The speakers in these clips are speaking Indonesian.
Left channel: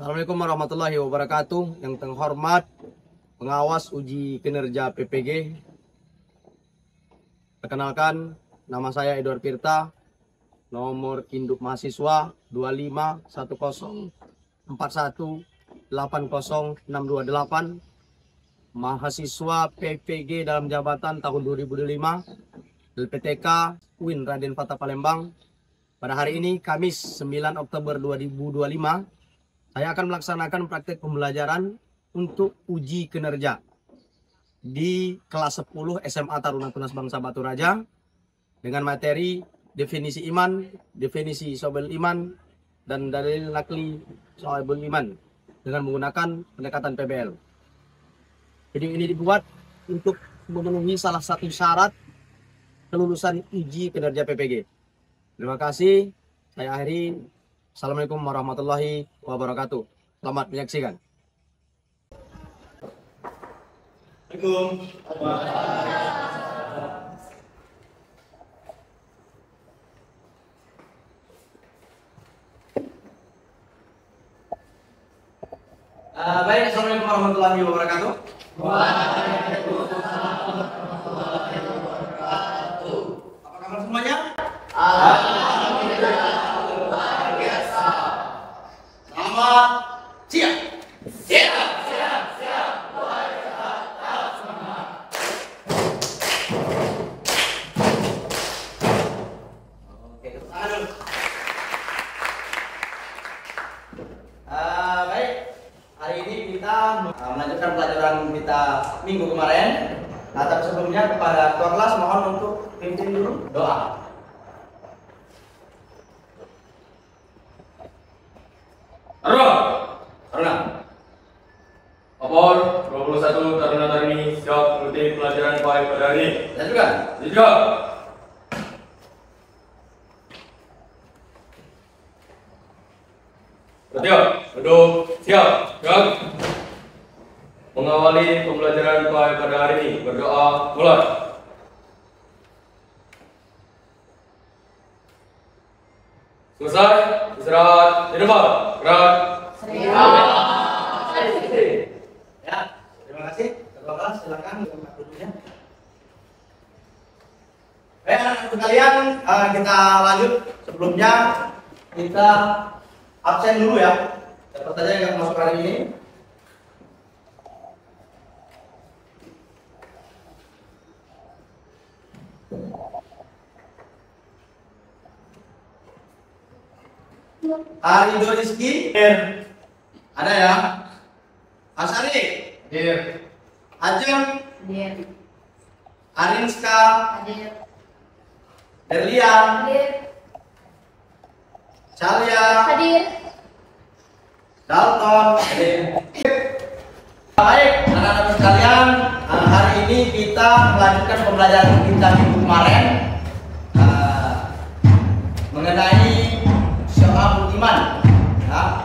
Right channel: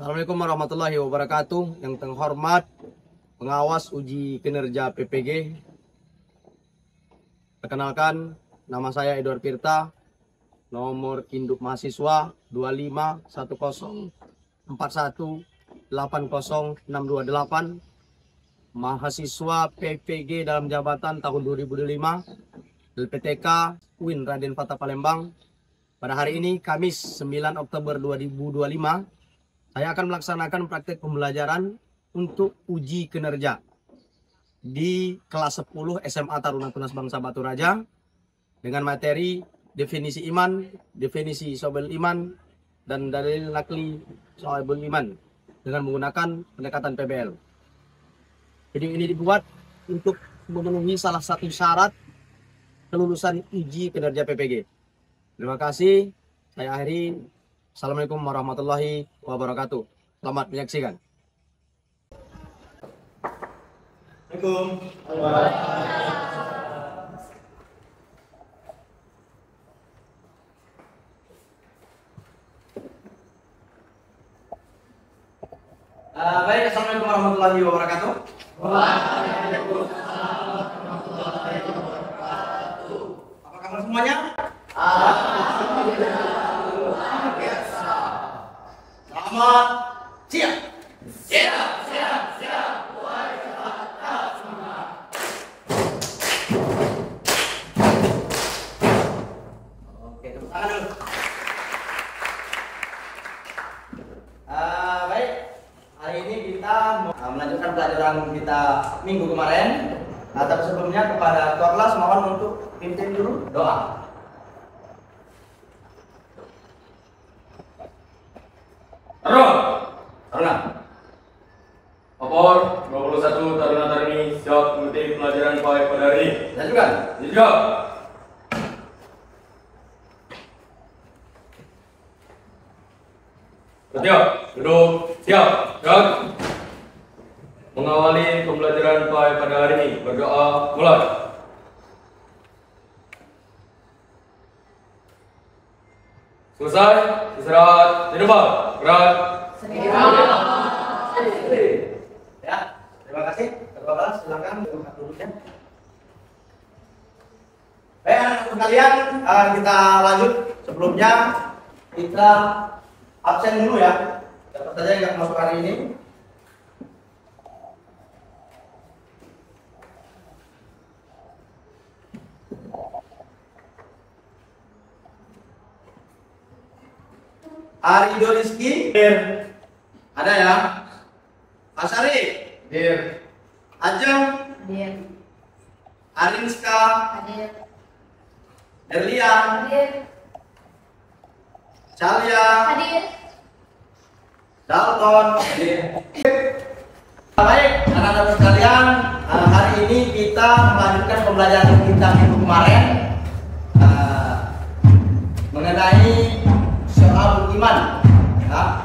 Assalamualaikum warahmatullahi wabarakatuh. Yang terhormat pengawas uji kinerja PPG. Perkenalkan, nama saya Edward Pirta, nomor induk mahasiswa 251041806228, mahasiswa PPG dalam jabatan tahun 2025, LPTK UIN Raden Fatah Palembang. Pada hari ini, Kamis 9 Oktober 2025, saya akan melaksanakan praktek pembelajaran untuk uji kinerja di kelas 10 SMA Taruna Tunas Bangsa Batu Raja dengan materi definisi iman, definisi Syobel iman, dan dalil nakli Syobel iman dengan menggunakan pendekatan PBL. Video ini dibuat untuk memenuhi salah satu syarat kelulusan uji kinerja PPG. Terima kasih. Saya akhiri. Assalamualaikum warahmatullahi wabarakatuh. Selamat menyaksikan. Baik, assalamualaikum warahmatullahi wabarakatuh. Waalaikumsalam warahmatullahi wabarakatuh. Apa kabar semuanya? Alhamdulillah luar biasa. Selamat siap. Siap. Luar biasa semangat. Oke, tepuk tangan dulu. Baik, hari ini kita melanjutkan pelajaran kita minggu kemarin. Nah, tapi sebelumnya kepada ketua kelas mohon untuk pimpin dulu doa. Taruna. Opor 21 taruna-tarini siap mengikuti pelajaran baik pada hari ini. Lanjutkan. Siap. Siap. Duduk. Siap. Siap. Mengawali pembelajaran baik pada hari ini. Berdoa. Mulai. Selesai. Istirahat di depan. Berat. Ya, terima kasih. Ketua kelas silakan tempat duduknya. Baik, anak-anak sekalian, kita lanjut. Sebelumnya kita absen dulu ya. Siapa saja yang masuk hari ini. Arido Rizky, ada ya? Asari, Dir. Ajeng, Hadir. Arinska, Hadir. Derlian, Hadir. Calia, Hadir. Dalton. Baik, anak-anak sekalian, hari ini kita melanjutkan pembelajaran kita minggu kemarin mengenai Syobel iman. Ya.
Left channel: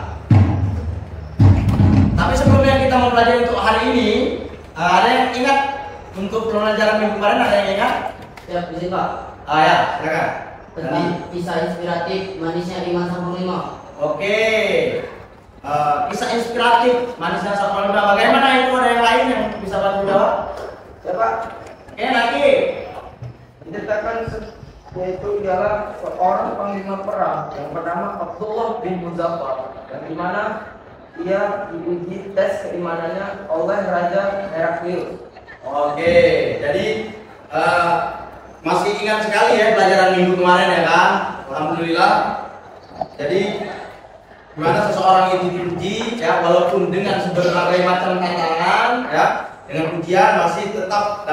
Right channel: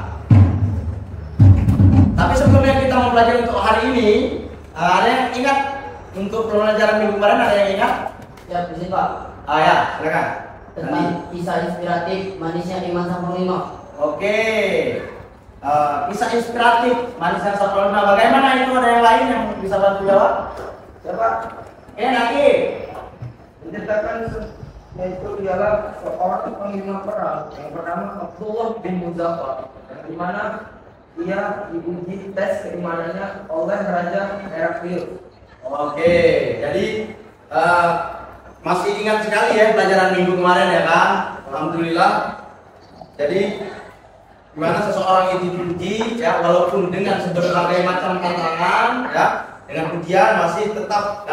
Tapi sebelumnya kita mempelajari untuk hari ini, ada yang ingat untuk pembelajaran minggu kemarin? Ada yang ingat? Ya, bisa Pak. Ya, silakan. Tentang kisah inspiratif manisnya iman sang panglima. Oke. Kisah inspiratif manisnya sang panglima. Bagaimana itu? Ada yang lain yang bisa bantu jawab? Siapa? Lagi. Menceritakan yaitu ialah seorang panglima perang yang bernama Abdullah bin Muzaffar, yang dimana ia diuji tes keimanannya oleh Raja Heraklius. Oke, jadi masih ingat sekali ya pelajaran minggu kemarin ya kan? Alhamdulillah. Jadi gimana seseorang itu diuji ya, walaupun dengan berbagai macam tantangan ya, dengan ujian masih tetap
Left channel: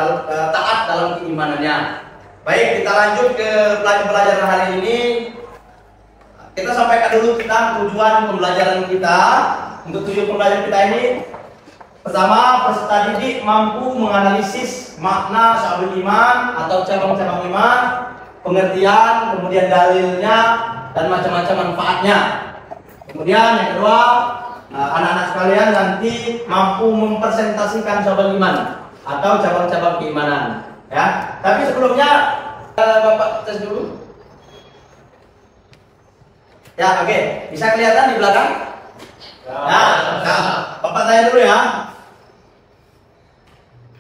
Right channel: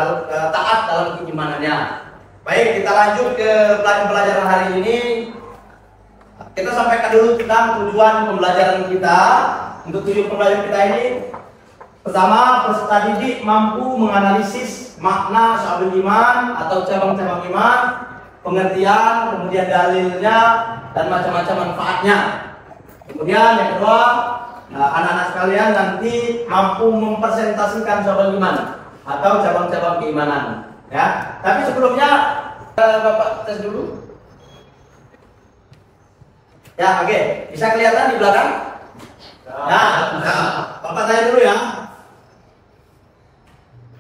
taat dalam keimanannya. Baik, kita lanjut ke pelajaran hari ini. Kita sampaikan dulu tentang tujuan pembelajaran kita. Untuk tujuan pembelajaran kita ini, pertama, peserta didik mampu menganalisis makna Syobel iman atau cabang-cabang iman, pengertian, kemudian dalilnya, dan macam-macam manfaatnya. Kemudian yang kedua, anak-anak sekalian nanti mampu mempresentasikan Syobel iman atau cabang-cabang keimanan. Ya, tapi sebelumnya Bapak tes dulu. Ya, oke. Bisa kelihatan di belakang? Nah, Bapak saya dulu ya.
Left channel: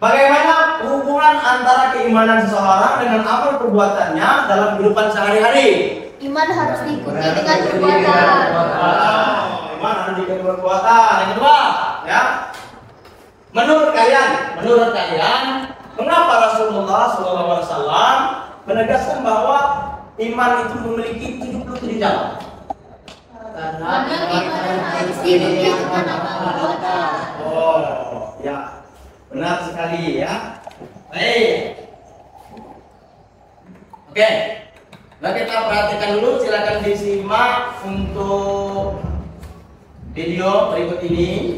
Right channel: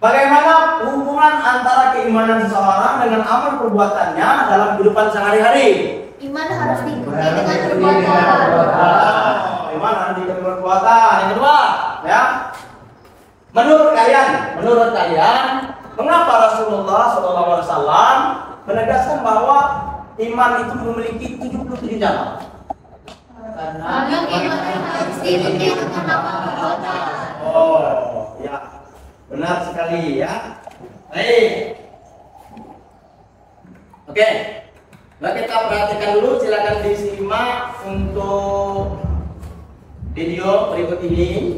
Bagaimana hubungan antara keimanan seseorang dengan amal perbuatannya dalam kehidupan sehari-hari? Iman harus diikuti dengan perbuatan. Iman harus diikuti dengan perbuatan. Yang kedua, ya. Menurut kalian, mengapa Rasulullah SAW menegaskan bahwa iman itu memiliki 77 cabang? Karena iman harus diikuti dengan amal perbuatan. Oh, ya. Benar sekali ya. Baik. Oke. Nah, kita perhatikan dulu, silakan disimak untuk video berikut ini.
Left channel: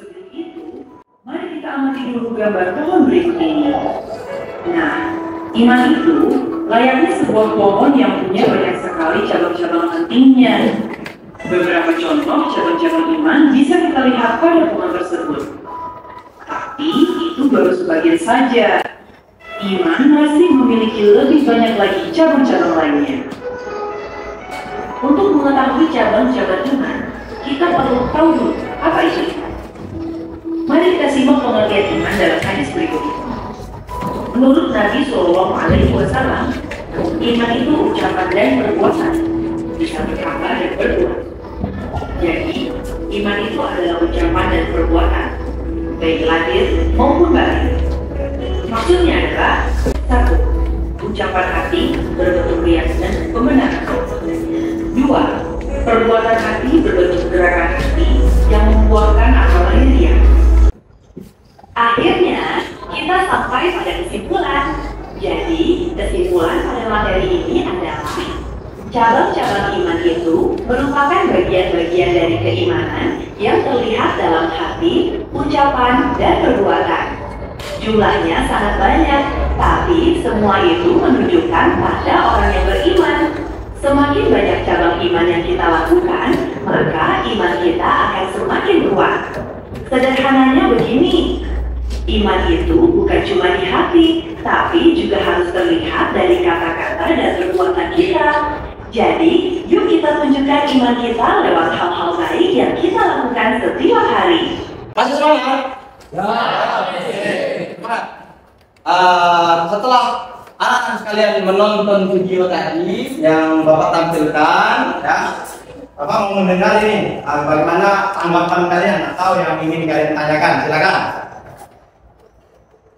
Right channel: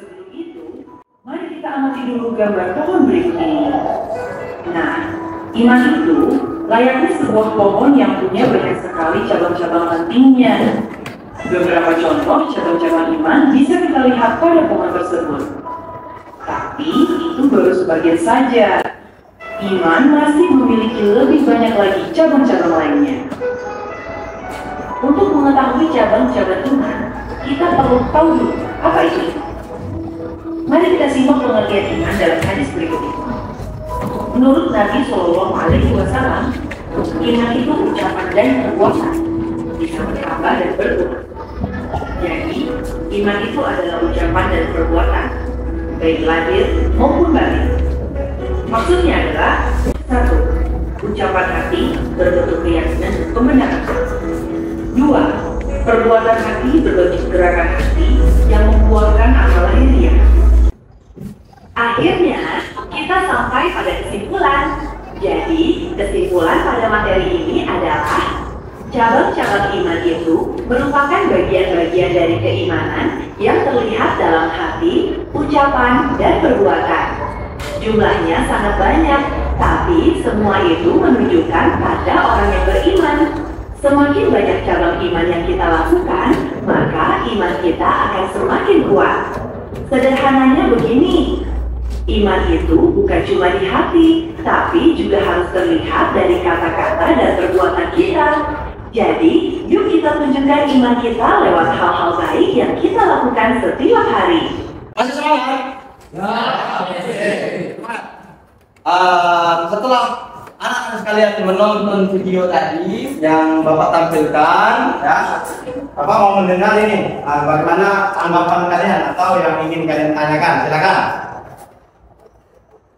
Sebelum itu, mari kita amati dulu gambar pohon berikut ini. Nah, iman itu layaknya sebuah pohon yang punya banyak sekali cabang-cabang pentingnya. Beberapa contoh cabang-cabang iman bisa kita lihat pada pohon tersebut. Tapi itu baru sebagian saja. Iman masih memiliki lebih banyak lagi cabang-cabang lainnya. Untuk mengetahui cabang-cabang iman, kita perlu tahu dulu apa itu. Mari kita simak pengertian iman dalam hadis berikut ini. Menurut Nabi Shallallahu Alaihi Wasallam, iman itu ucapan dan perbuatan, bisa berkata dan berdoa. Jadi, iman itu adalah ucapan dan perbuatan, baik lahir maupun batin. Maksudnya adalah 1. Ucapan hati berbentuk keyakinan dan pembenaran. 2. Perbuatan hati berbentuk gerakan hati yang membuahkan amal lahiriah. Akhirnya, kita sampai pada kesimpulan. Jadi, kesimpulan pada materi ini adalah cabang-cabang iman itu merupakan bagian-bagian dari keimanan yang terlihat dalam hati, ucapan, dan perbuatan. Jumlahnya sangat banyak, tapi semua itu menunjukkan pada orang yang beriman. Semakin banyak cabang iman yang kita lakukan, maka iman kita akan semakin kuat. Sederhananya begini, iman itu bukan cuma di hati, tapi juga harus terlihat dari kata-kata dan perbuatan kita. Jadi, yuk kita tunjukkan iman kita lewat hal-hal baik yang kita lakukan setiap hari. Masih semangat? Ya. Setelah anak-anak sekalian menonton video tadi yang Bapak tampilkan, ya, Bapak mau mendengar ini bagaimana tanggapan kalian atau yang ingin kalian tanyakan. Silakan.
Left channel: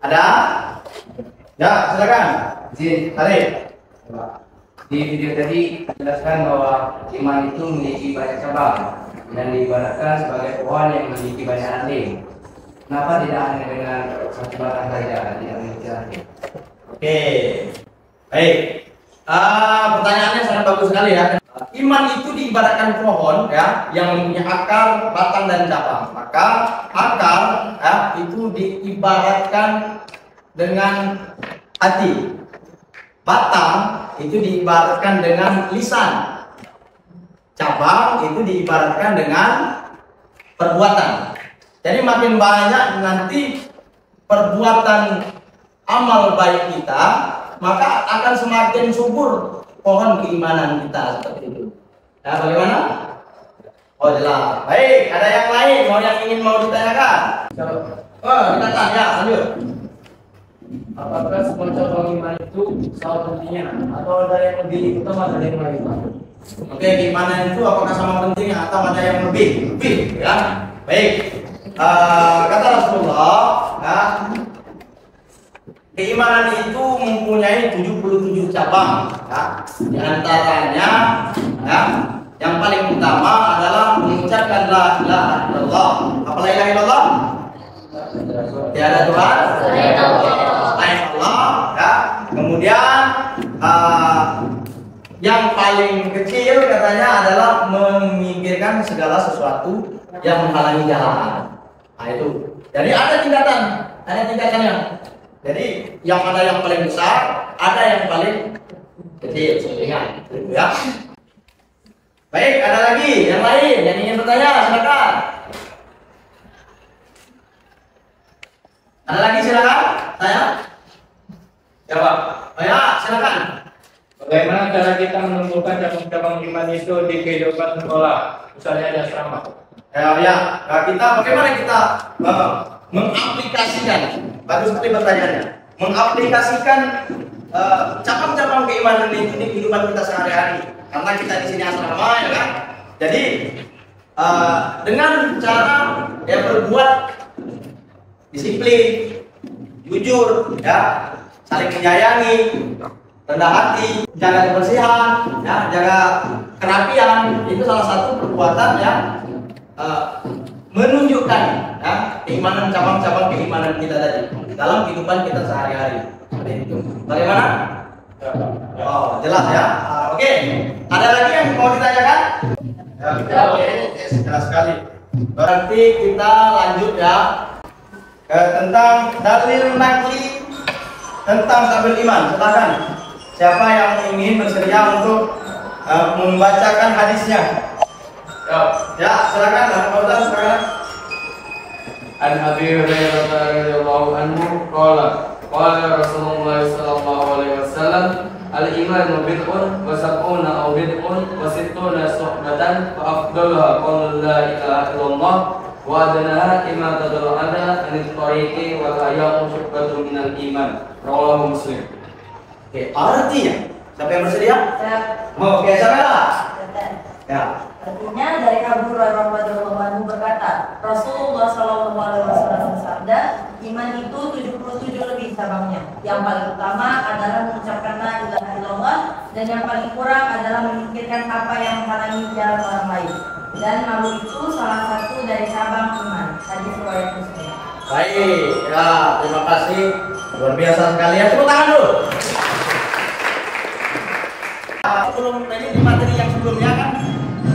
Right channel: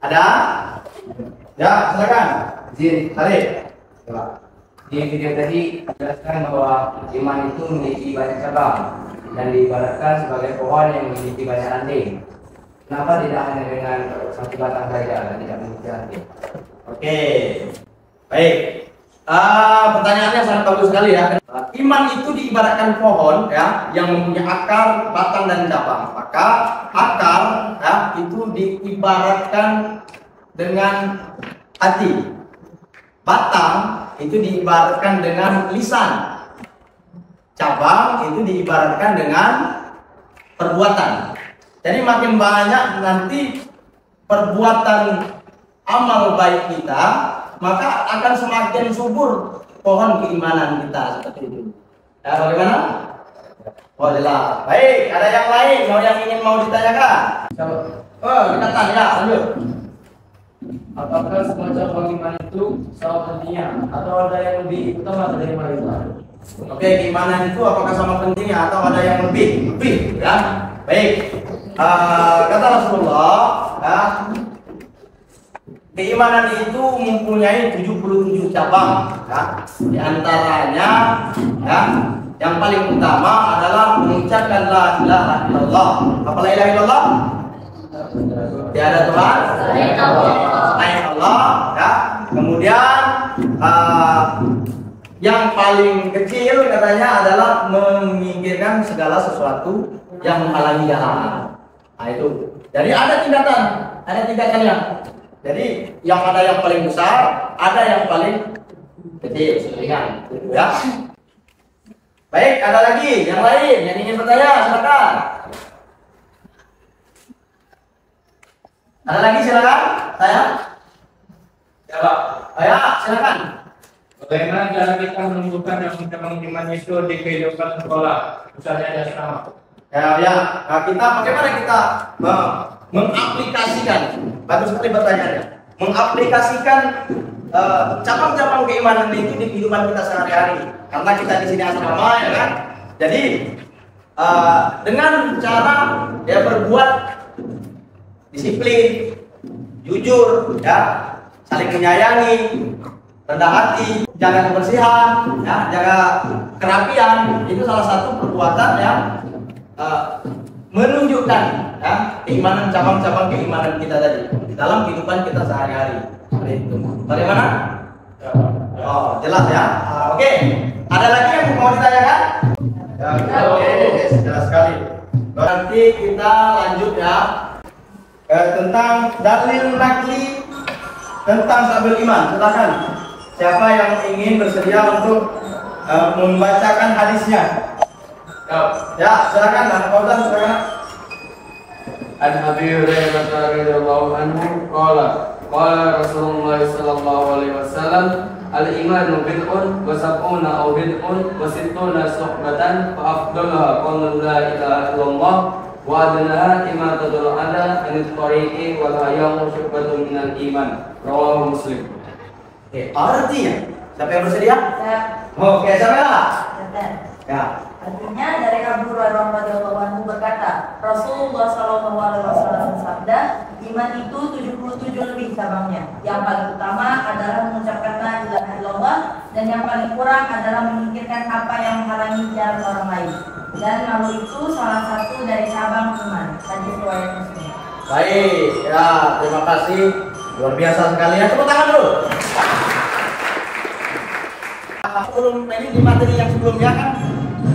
Ada? Ya, silakan. Izin. Arif. Di video tadi dijelaskan bahwa iman itu memiliki banyak cabang dan diibaratkan sebagai pohon yang memiliki banyak ranting. Kenapa tidak hanya dengan satu batang saja dan tidak memiliki ranting? Oke, baik. Pertanyaannya sangat bagus sekali ya. Iman itu diibaratkan pohon ya, yang mempunyai akar, batang dan cabang. Maka akar ya, itu diibaratkan dengan hati. Batang itu diibaratkan dengan lisan. Cabang itu diibaratkan dengan perbuatan. Jadi makin banyak nanti perbuatan amal baik kita, maka akan semakin subur pohon keimanan kita seperti itu. Ya, bagaimana? Oh, jelas. Baik, ada yang lain yang ingin ditanyakan? Oh, kita tanya, lanjut. Apakah semua cabang iman itu sama pentingnya atau ada yang lebih utama dari yang lain? Oke, keimanan itu apakah sama pentingnya atau ada yang lebih? Ya. Baik. Kata Rasulullah, ya, keimanan itu mempunyai 77 cabang. Ya. Di antaranya, ya, yang paling utama adalah mengucapkan la ilaha illallah. Apa la ilaha illallah? Tiada Tuhan selain Allah, ya. Kemudian yang paling kecil katanya adalah memikirkan segala sesuatu yang menghalangi jalan. Nah itu. Jadi ada tingkatannya. Jadi yang ada yang paling besar, ada yang paling kecil, ringan, gitu ya. Baik, ada lagi yang lain yang ingin bertanya, silakan. Ada lagi silakan, saya. Ya Pak. Oh ya, silakan. Bagaimana cara kita menumbuhkan cabang-cabang iman itu di kehidupan sekolah, misalnya di asrama? Kita bagaimana kita mengaplikasikan? Bagus sekali pertanyaannya. Mengaplikasikan cabang-cabang keimanan itu di kehidupan kita sehari-hari. Karena kita di sini asrama, ya kan? Jadi dengan cara ya berbuat disiplin, jujur, ya, saling menyayangi, rendah hati, jaga kebersihan, ya, jaga kerapian, itu salah satu perbuatan yang menunjukkan ya, keimanan, cabang-cabang keimanan kita tadi dalam kehidupan kita sehari-hari. Seperti itu. Bagaimana? Oh, jelas ya. Oke. Ada lagi yang mau ditanyakan? Oke, jelas sekali. Berarti kita lanjut ya tentang dalil nakli tentang tabel iman. Silakan. Siapa yang ingin bersedia untuk membacakan hadisnya? Ya, silakan. Silakan. An Abi Hurairah radhiyallahu anhu qala Rasulullah sallallahu alaihi wasallam al-imanu bid'un wa sab'una aw bid'un wa sittuna suhbatan fa afdaluha qawlu la ilaha illallah wa adnaha imatatul adha anil tariqi wal hayamu syubatun minal iman. Rawahu Muslim. Oke, artinya siapa yang bersedia? Oke, siapa lah? Ya. Artinya dari Abu Hurairah radhiyallahu anhu berkata, Rasulullah sallallahu alaihi wasallam bersabda, iman itu 77 lebih cabangnya. Yang paling utama adalah mengucapkan la ilaha illallah dan yang paling kurang adalah memikirkan apa yang menghalangi jalan orang lain. Dan malu itu salah satu dari cabang iman. Hadis riwayat Muslim. Baik, ya, terima kasih. Luar biasa sekali ya. Tepuk tangan dulu. Sebelum ini di materi yang sebelumnya kan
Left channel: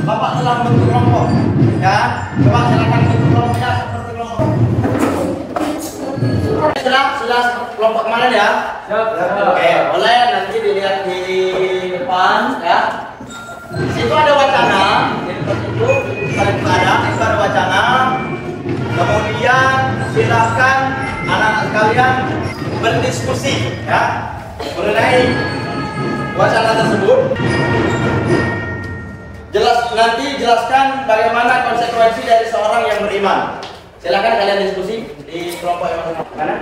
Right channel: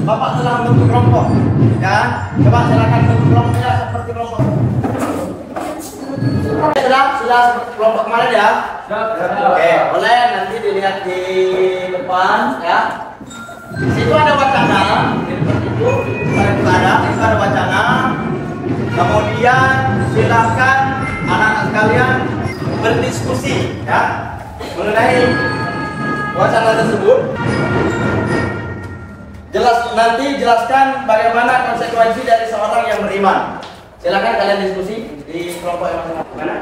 Bapak telah membentuk kelompok, ya. Coba silakan bentuk kelompoknya seperti kelompok. Sudah kelompok kemarin ya. Oke, boleh nanti dilihat di depan, ya. Di situ ada wacana, seperti itu. Itu ada wacana. Kemudian silakan anak-anak sekalian berdiskusi, ya, mengenai wacana tersebut. Jelaskan bagaimana konsekuensi dari seorang yang beriman. Silakan kalian diskusi di kelompok yang masing-masing. Mana?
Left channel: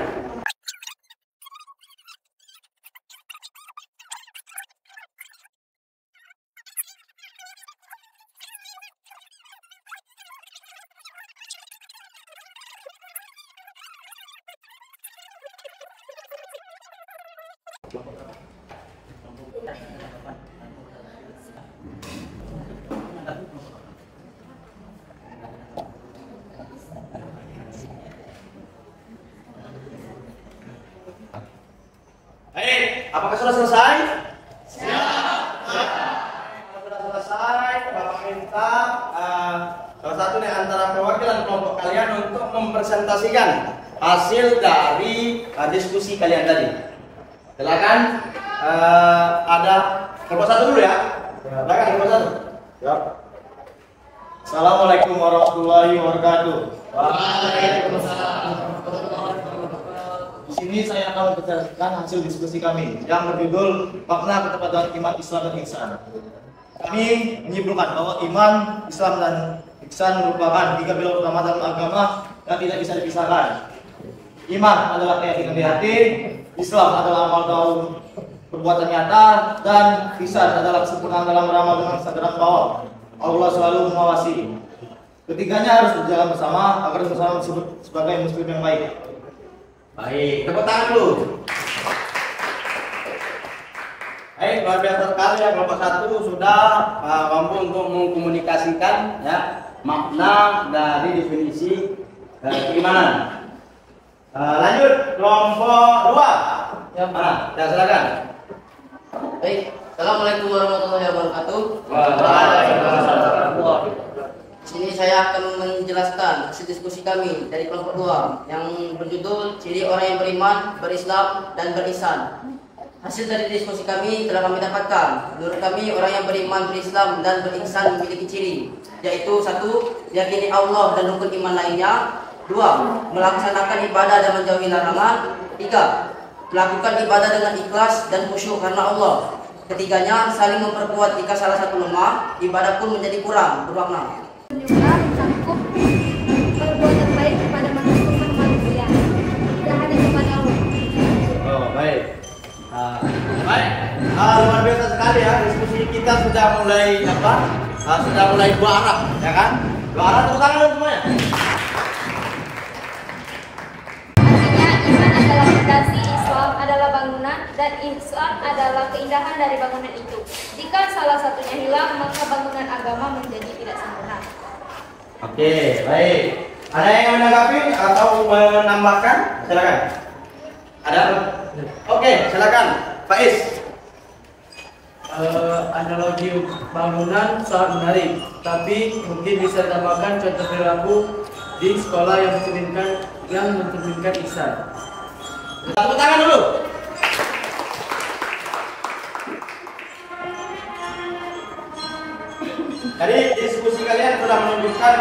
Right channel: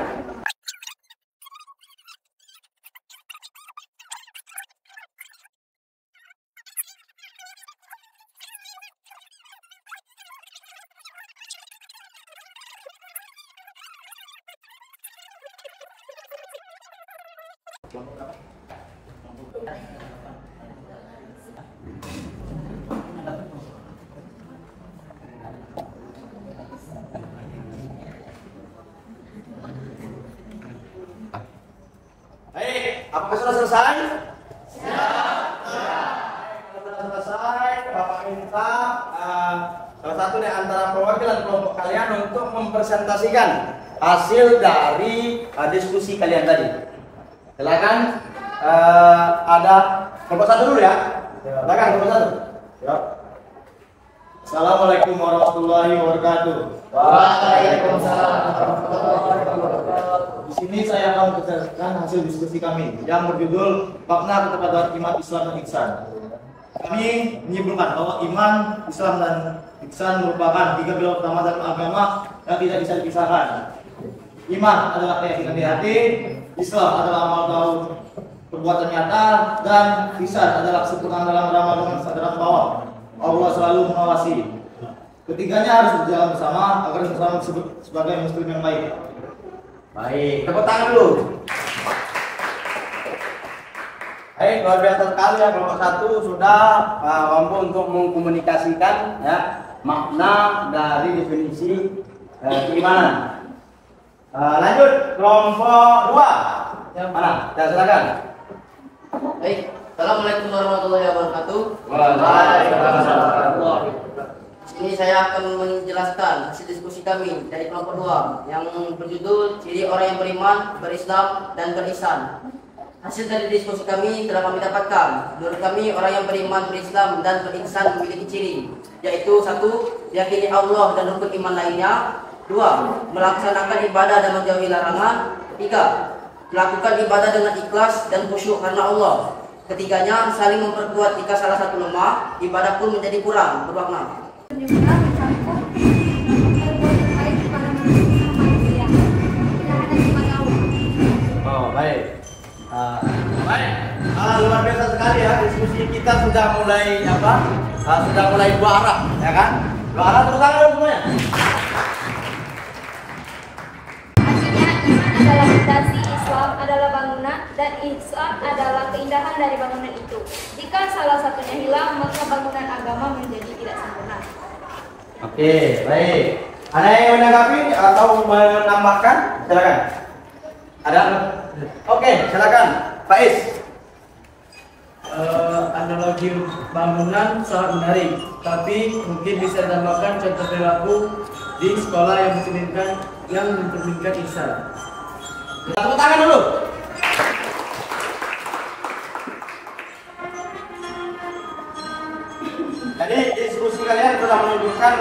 Apakah sudah selesai? Kalau sudah selesai, Bapak minta salah satu dari antara perwakilan kelompok kalian untuk mempresentasikan hasil dari diskusi kalian tadi. Silakan. Ada kelompok satu dulu ya. Silakan kelompok satu. Ya. Assalamualaikum warahmatullahi wabarakatuh. Waalaikumsalam warahmatullahi wabarakatuh. Di sini saya akan mempresentasikan hasil diskusi kami yang berjudul Makna Ketepatan Iman, Islam dan Ihsan. Kami menyimpulkan bahwa iman, Islam dan ihsan merupakan tiga pilar utama dalam agama yang tidak bisa dipisahkan. Iman adalah keyakinan di hati, Islam adalah amal tahu perbuatan nyata, dan ihsan adalah kesempurnaan dalam beramal dengan kesadaran bahwa Allah selalu mengawasi. Ketiganya harus berjalan bersama agar bersama disebut sebagai muslim yang baik. Baik, tepuk tangan dulu. Baik, luar biasa sekali ya, kelompok satu sudah mampu untuk mengkomunikasikan ya makna dari definisi keimanan. Lanjut kelompok dua. Mana? Ya, silakan. Baik, Assalamualaikum warahmatullahi wabarakatuh. Waalaikumsalam. Di sini saya akan menjelaskan hasil diskusi kami dari kelompok 2 yang berjudul Ciri Orang yang Beriman, Berislam, dan Berihsan. Hasil dari diskusi kami telah kami dapatkan. Menurut kami, orang yang beriman, berislam, dan berihsan memiliki ciri, yaitu 1. Yakini Allah dan rukun iman lainnya. 2. Melaksanakan ibadah dan menjauhi larangan. 3. Melakukan ibadah dengan ikhlas dan khusyuk karena Allah. Ketiganya, saling memperkuat jika salah satu lemah, ibadah pun menjadi kurang bermakna. Juga mencakup perbuatan baik kepada manusia, tidak hanya kepada Allah. Oh, baik. Baik. Luar biasa sekali ya, diskusi kita sudah mulai sudah mulai dua arah, ya kan? Dua arah, tepuk tangan dulu semuanya. Artinya iman adalah fondasi, Islam adalah bangunan, dan ihsan adalah keindahan dari bangunan itu. Jika salah satunya hilang, maka bangunan agama menjadi tidak sempurna. Oke, baik. Ada yang menanggapi atau menambahkan? Silakan. Ada? Oke, silakan. Faiz. Analogi bangunan sangat menarik, tapi mungkin bisa ditambahkan contoh perilaku di sekolah yang mencerminkan ihsan. Tepuk tangan dulu. Jadi diskusi kalian sudah menunjukkan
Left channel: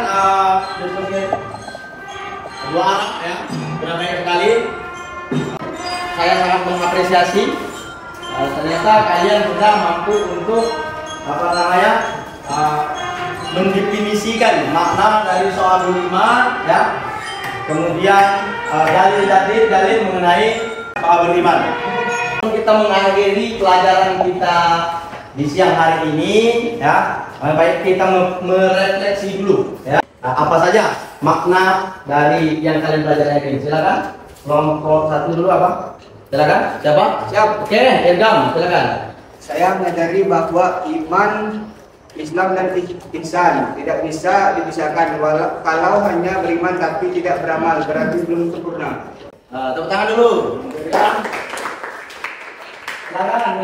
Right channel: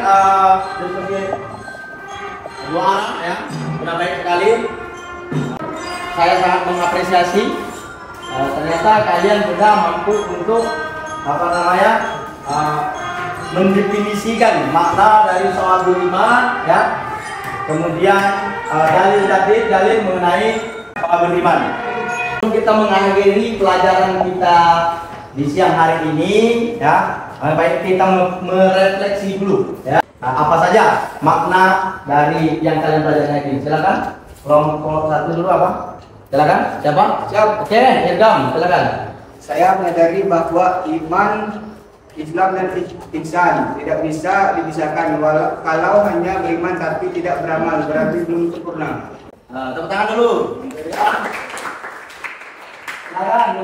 diskusi dua arah ya, sudah baik sekali. Saya sangat mengapresiasi. Ternyata kalian sudah mampu untuk mendefinisikan makna dari soal beriman ya. Kemudian dalil mengenai soal beriman. Kita mengakhiri pelajaran kita di siang hari ini ya. Baik, kita merefleksi dulu ya. Apa saja makna dari yang kalian pelajari hari ini? Silakan. Kelompok satu dulu apa? Silakan. Siapa? Siap. Oke, Ilham, silakan. Saya menyadari bahwa iman, Islam dan ihsan tidak bisa dipisahkan. Kalau hanya beriman tapi tidak beramal, berarti belum sempurna. Tepuk tangan dulu. Silakan.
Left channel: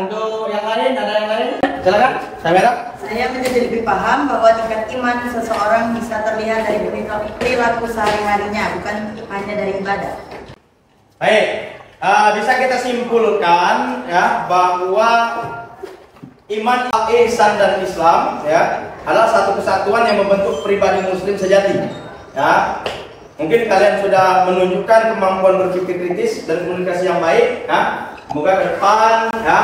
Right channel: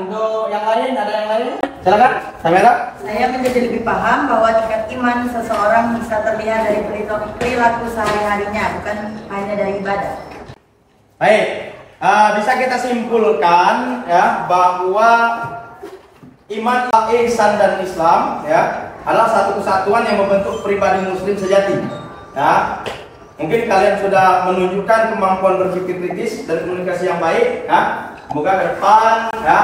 Untuk yang lain, ada yang lain? Silakan. Kamera. Saya menjadi lebih paham bahwa tingkat iman seseorang bisa terlihat dari perilaku sehari-harinya, bukan hanya dari ibadah. Baik, bisa kita simpulkan ya bahwa iman, ihsan dan Islam ya adalah satu kesatuan yang membentuk pribadi Muslim sejati. Ya, mungkin kalian sudah menunjukkan kemampuan berpikir kritis dan komunikasi yang baik. Ya, semoga ke depan ya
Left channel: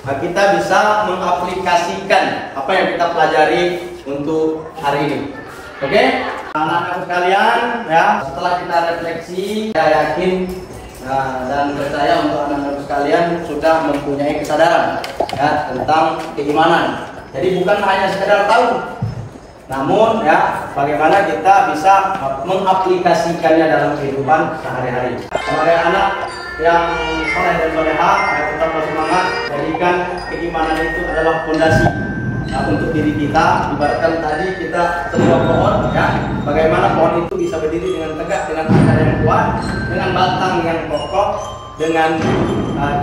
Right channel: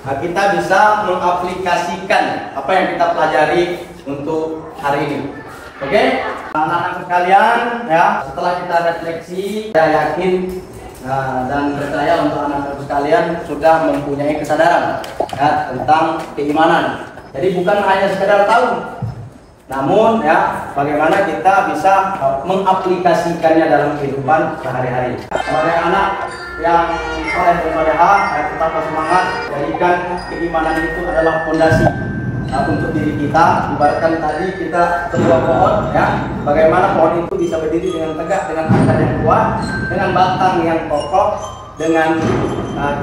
kita bisa mengaplikasikan apa yang kita pelajari untuk hari ini. Oke, anak-anak sekalian ya, setelah kita refleksi, saya yakin dan percaya untuk anak-anak sekalian sudah mempunyai kesadaran ya tentang keimanan. Jadi bukan hanya sekedar tahu, namun ya bagaimana kita bisa mengaplikasikannya dalam kehidupan sehari-hari. Sebagai anak yang soleh dan soleha, tetap bersemangat. Jadikan keimanan itu adalah fondasi untuk diri kita. Ibaratkan tadi kita sebuah pohon ya, bagaimana pohon itu bisa berdiri dengan tegak, dengan akar yang kuat, dengan batang yang kokoh, dengan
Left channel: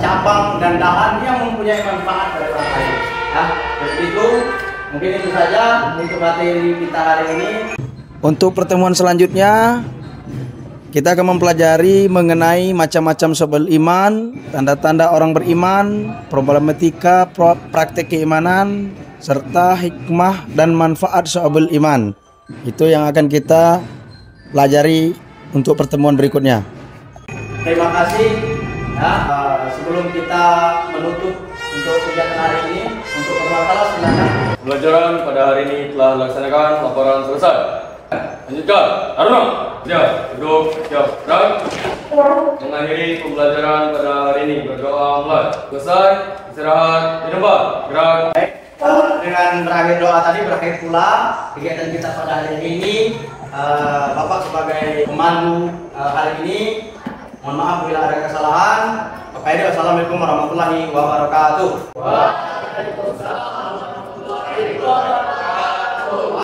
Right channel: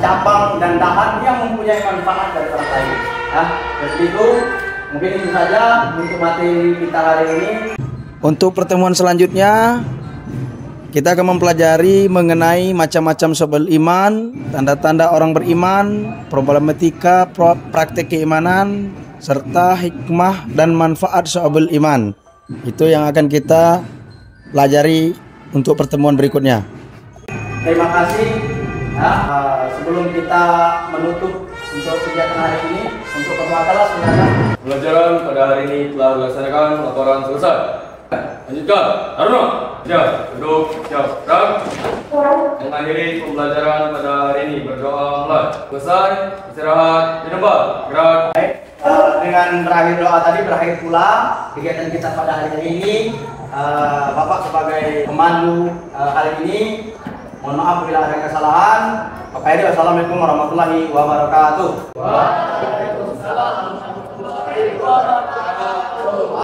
cabang dan dahan yang mempunyai manfaat dari orang lain. Ya, seperti itu. Mungkin itu saja untuk materi kita hari ini. Untuk pertemuan selanjutnya kita akan mempelajari mengenai macam-macam soal iman, tanda-tanda orang beriman, problematika praktek keimanan, serta hikmah dan manfaat soal iman. Itu yang akan kita pelajari untuk pertemuan berikutnya. Terima kasih. Ya, sebelum kita menutup untuk kegiatan hari ini, untuk bermasalah silakan. Pelajaran pada hari ini telah dilaksanakan, laporan selesai. Lanjutkan, Haruna. Ya, duduk, siap, gerak. Mengakhiri pembelajaran pada hari ini, berdoa mulai. Selesai, istirahat di tempat, gerak. Baik, dengan berakhir doa tadi berakhir pula kegiatan kita pada hari ini. Bapak sebagai pemandu hari ini, mohon maaf bila ada kesalahan. Bapak Edi, wassalamualaikum warahmatullahi wabarakatuh. Waalaikumsalam warahmatullahi wabarakatuh.